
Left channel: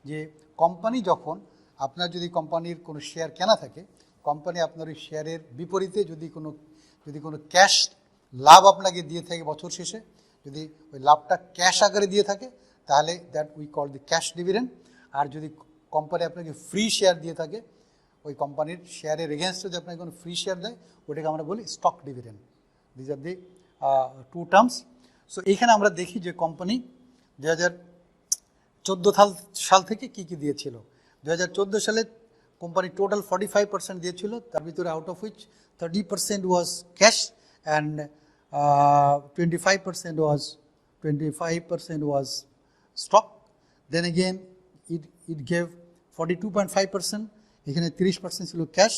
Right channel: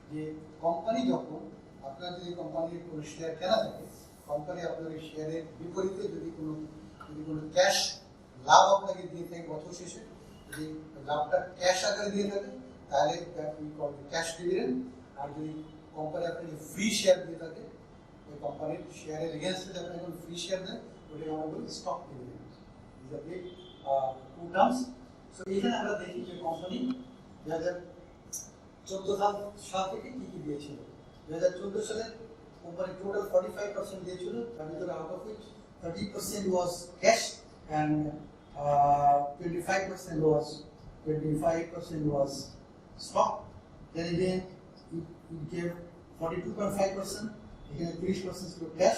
যে কোম্পানি যখন আপনার যদি কোম্পানির কোনো শেয়ার কেনা থাকে, কোম্পানি আপনার ওই শেয়ারের বিপরীতে যদি কোনো ক্যাশ লাভ আপনাকে দিয়ে থাকে বছর শেষে, যদি ওই লাভটা ক্যাশ আকারে দিয়ে থাকে, তাহলে that we call the cash dividend. আর যদি কোম্পানি আপনাকে ফ্রি শেয়ার দিয়ে থাকে, ওই কোম্পানির শেয়ারের এগেনস্টে যদি আপনাকে কোনো ফ্রি শেয়ার দেয়, ওটাকে আমরা বলি stock dividend. These are the two terms. So এইখানে আমরা দেখি যে কোম্পানি 2014 সাল থেকে কী কী দিয়েছিল। 2014 সালে কোম্পানি টোটাল 45% দিয়েছিল, তার ভিতরে out of which 30% was cash and 25% was stock. Then again it gave 42.5%, এখানে 30% ছিল ক্যাশ,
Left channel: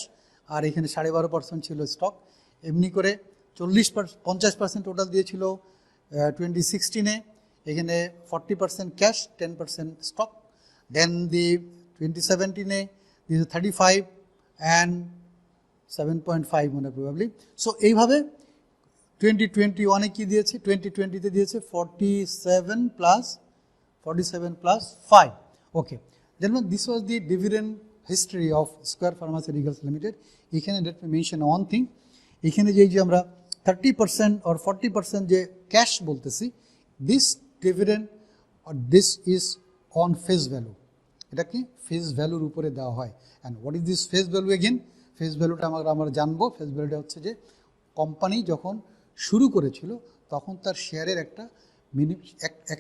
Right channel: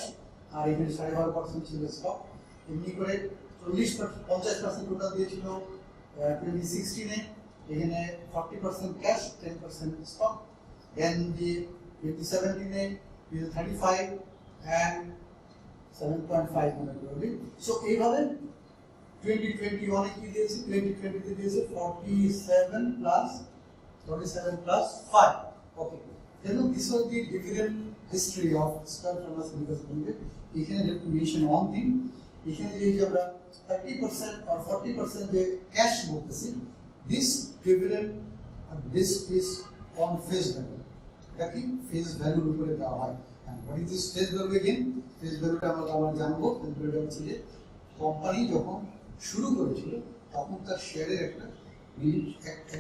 আর এখানে 12.5% ছিল স্টক। এমনি করে 50% টোটাল দিয়েছিল 2016-এ, এখানে 40% ক্যাশ, 10% স্টক। দেন দি 2017-এ 35 অ্যান্ড 7.5 প্রবাবলি। সো এইভাবে 2021-এ কী দিয়েছে, 2020-তে দিয়েছে 47 plus 5। Okay, then this was the dividend history of square pharmaceuticals limited. এখানে মেনশন ওয়ান থিং, এখানে যে আমরা 30% or 40% যে ক্যাশ বলতেছি, this dividend this is on face value. এটা কি ফেস ভ্যালুর উপরে দেওয়া হয়। And what is this face value again? Face ভ্যালুটা আমরা জানবো। ফেস ভ্যালুটা হচ্ছে যে কোম্পানি যখন শুরু করেছিল তখন তার শেয়ারের একটা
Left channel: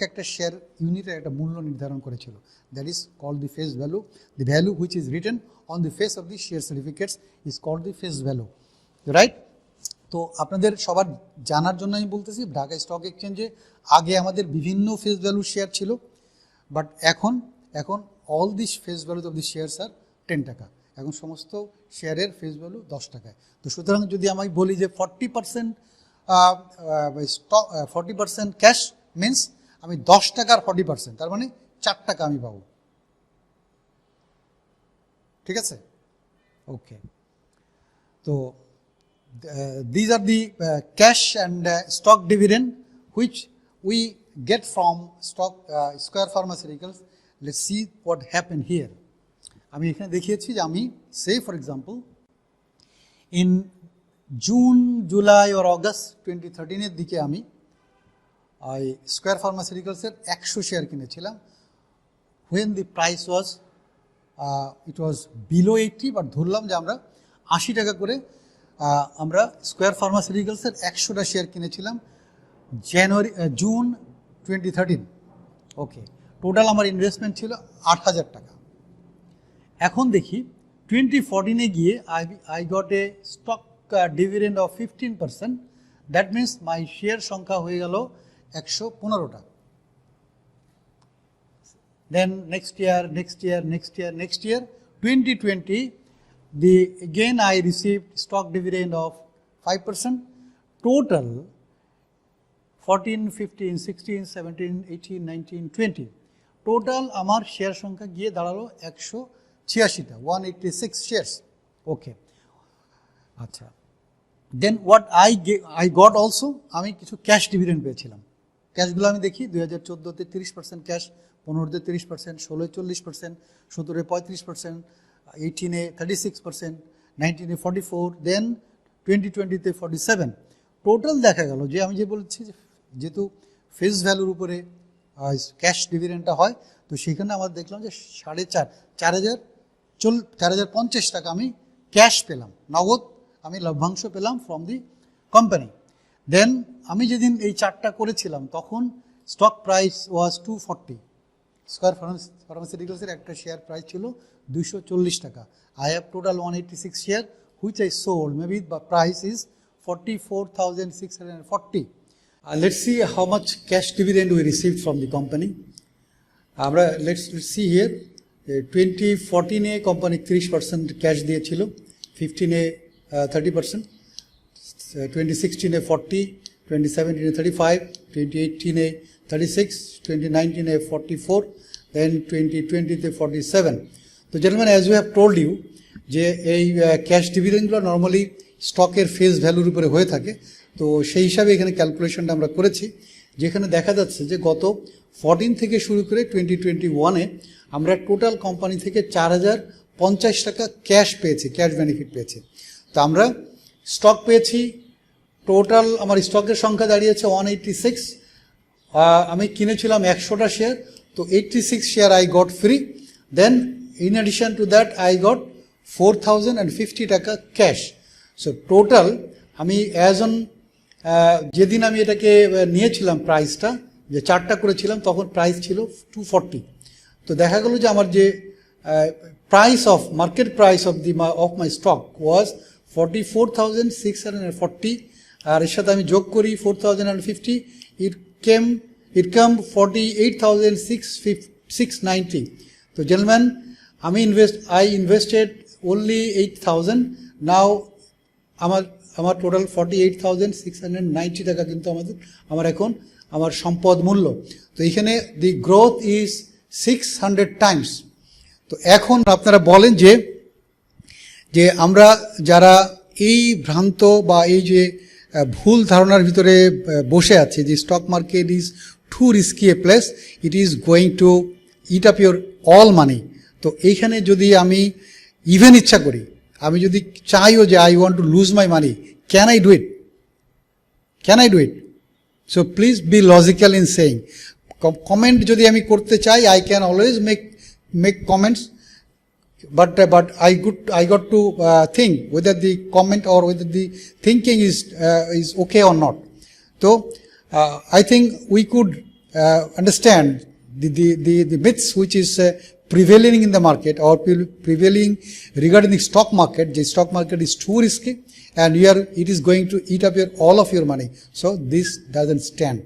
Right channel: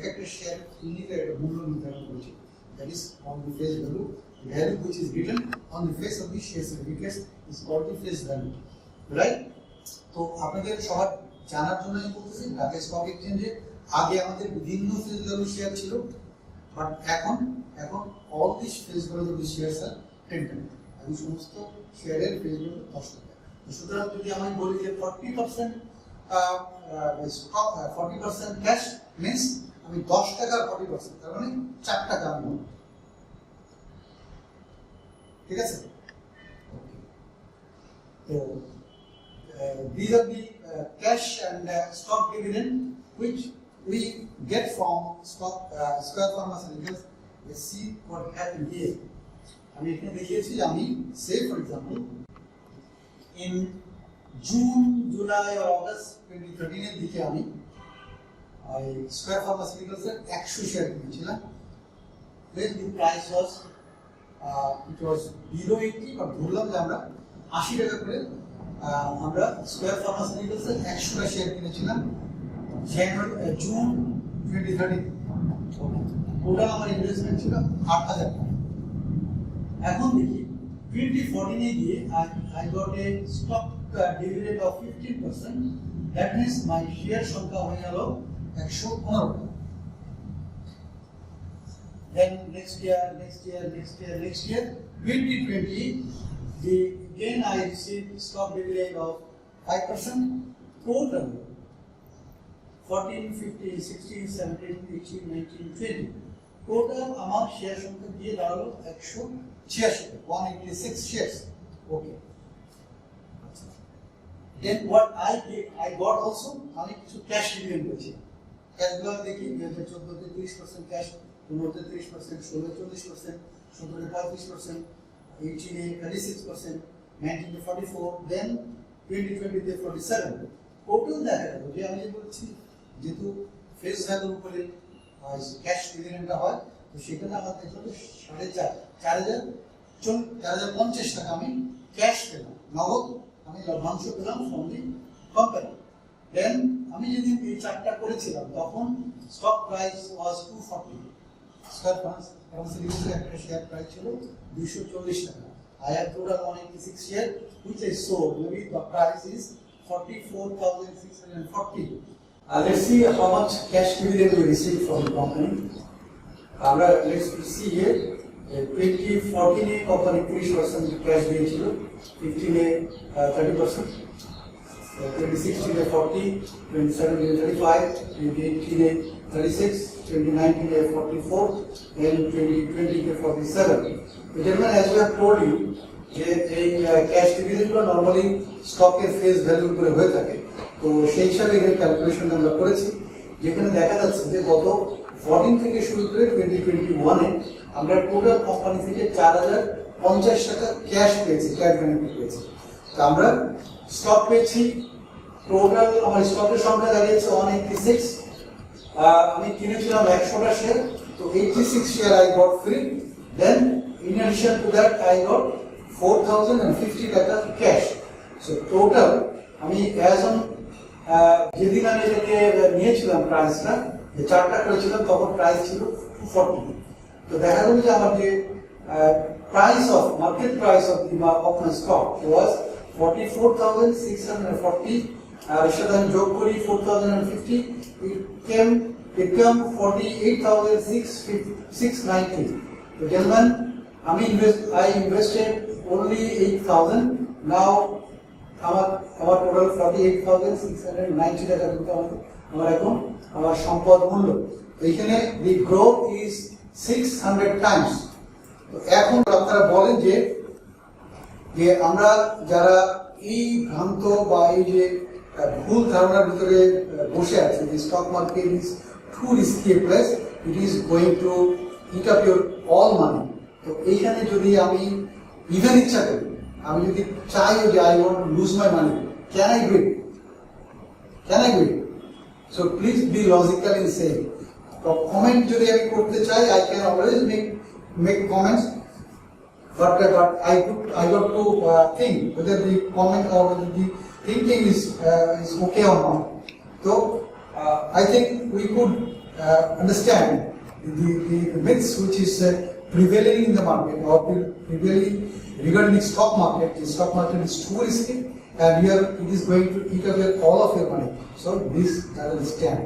একটা শেয়ার ইউনিটের একটা মূল্য নির্ধারণ করেছিল। That is called the face value. The value which is written on the face of the share certificates is called the face value, right? তো আপনাদের সবার জানার জন্য আমি বলতেছি, ঢাকা স্টক এক্সচেঞ্জে আগে আমাদের বিভিন্ন ফেস ভ্যালু শেয়ার ছিল, বাট এখন all this face value of the shares are 10 টাকা। এখন সমস্ত শেয়ারের ফেস ভ্যালু 10 টাকা। তো সুতরাং যদি আমি বলি যে 40% স্টক 40% ক্যাশ মিনস আমি 10 টাকার 40%, তার মানে 4 টাকা আমি পাবো। ঠিক আছে? ওকে, তো these are the cash and stock dividend which we get from Square Pharmaceuticals. Let's see what happened here. আমি এখানে দেখিয়েছি যে আমি say for example in June, July or August 2013-এর দিকে আমি Square Pharmaceuticals-এর 100 শেয়ার কিনেছিলাম when the price was it was below 80, but ধরলাম যে আমরা 80 টাকা করে আমরা স্কোয়ার ফার্মাসিউটিক্যালসের 100টা শেয়ার কিনেছিলাম জুন 2013। ওকে, টোটাল আমার ইনভেস্টমেন্ট ছিল 8,000 টাকা। এখন দেখি 2014-এ গিয়ে I got a stock dividend of 15%, that means my share সংখ্যা হয়ে গেল 115টা। then next year, 2020, again I received stock dividend of 5%, total 14, 15, 16, 17, 18, 19, 20. Total আমার শেয়ার সংখ্যা গিয়ে দাঁড়ালো 186টা, 186 শেয়ার্স। ওকে, আচ্ছা, দেন হোয়াট আই গট অলসো, আমি কিছু ক্যাশ ডিভিডেন্ড পেয়েছিলাম। ক্যাশগুলো আমি দেখি 2014-তে 30% ক্যাশ, 15-তে 30%, 16-এ 40%, 17-এ 35%, 18-এ 36%, 19-এ 44, দেন 2020-তে 47। টোটাল দেখা গেল যে আমি যে বলছি যেহেতু ফেস ভ্যালুর উপরে ক্যাশ ডিভিডেন্ডটা হয়, তো সেখানে আমরা দেখলাম যে 4,50 টাকা আমি ক্যাশ পেলাম, নগদ আমি লভ্যাংশ পেলাম ফ্রম দি কোম্পানি। দেন আমি যেদিন এই চার্টটা করেছিলাম তখন স্টক প্রাইস ওয়াজ 240, স্কয়ার ফার্মাসিউটিক্যালসের একটা শেয়ার প্রাইস ছিল 240 টাকা। I have total 186 share which I sold, maybe the price is 44,640. Let's see how much cash dividend we received from the company. Let's see here. 2014-এ কোম্পানি 30% ক্যাশ দিয়েছিল, 15-এ 30%, 2016-এ 40, 2017-এ 35, 2018-এ 36, 2019-এ 44, then 2020-তে 47. তো gentlemen, as we have told you যে এই ক্যাশ ডিভিডেন্ডগুলো নর্মালি স্টকের ফেস ভ্যালুর উপরে হয়ে থাকে। তো সেই হিসাবে এখানে ক্যালকুলেশনটা আমরা করেছি, যেখানে দেখা যাচ্ছে যে গত 14 থেকে শুরু করে 2021-এ আমরা টোটাল কোম্পানি থেকে 4,050 টাকা ক্যাশ পেয়েছি, ক্যাশ বেনিফিট পেয়েছি। তো আমরা স্টক পেয়েছি, টোটাল আমার স্টকের সংখ্যা দাঁড়িয়েছে 186। আমি কিনেছিলাম 100টা শেয়ার, তো 86 share I got free. Then in addition to that I got 4,050 টাকা ক্যাশ। সো টোটাল আমি অ্যাজ অন যেদিন আমি এটাকে নিয়েছিলাম প্রাইসটা, যে চার্টটা করেছিলাম তখন প্রাইস ছিল 240। তো দেখা গেল যে আমার যে price of market price of my stock was 44,640, আর এর সাথে আমি যোগ করি 4,050, ইট কাম 48,690। তো জেন্টলম্যান, I invested only 8,000. নাও আমার টোটাল 48,690 টাকা কিন্তু আমার এখন আমার সম্পদ মূল্য। তো এখানে দি গ্রোথ ইজ 600 টাইমস। তো এখন আপনারা বলেন যে আমরা যারা এই ভ্রান্ত বা এই যে ভুল ধারণার ভিতরে বসে আছে যে stock market is two risky a place, it is going to it up your all মানি। তো এইখানে যদি আমি ইভেন ইচ্ছা করি, আমি যদি চাইও যে I want to lose my money, can I do it? So please be logical in saying. Comment যদি আমি করতে চাই, I can always make comments, but I got to think whether the comment or whether the thinking is okay or not. So I think we could understand the myths which is prevailing in the market or prevailing regarding the stock market. The stock market is too risky, and here it is going to eat up all of your money. So this doesn't stand.